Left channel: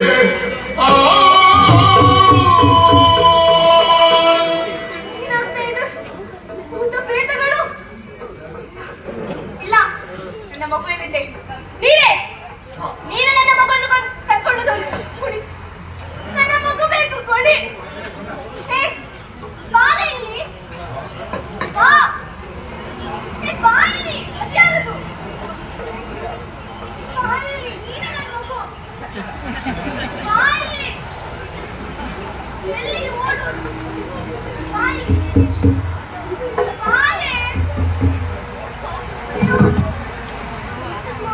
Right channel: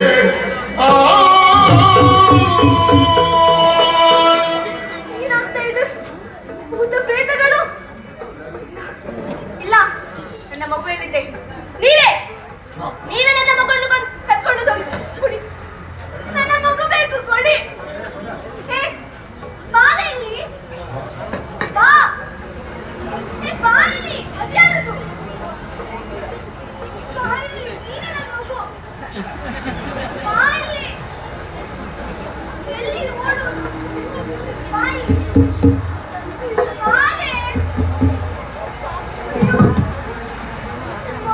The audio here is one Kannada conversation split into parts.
ಆ ನಿನ್ನ ತೈದು ಊತ ಇಲ್ಲ, ನನ್ನ ಮಗುವೆಲ್ಲಿ ತೆಗಿ ನೀವೇ? ನೀವೇ ನನ್ನ ಮಗುವನ್ನು ಕಟ್ಕೊಳ್ಳೋದು ಕೊಡಿ. ನನ್ನ ಮಗುವೆ ಕೊಡಿ. ಹೇ ಬಾಯಿ ಆ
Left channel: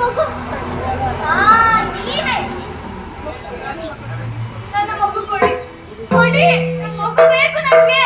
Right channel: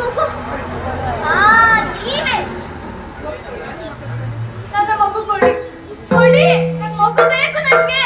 ಮಗು. ಆ ನೀವೇ ನನ್ನ ಮಗು ಕೊಡಿ. ಕೊಡಿ. ನನ್ನ ಮಗು ಬೇಕು ನನಗೆ.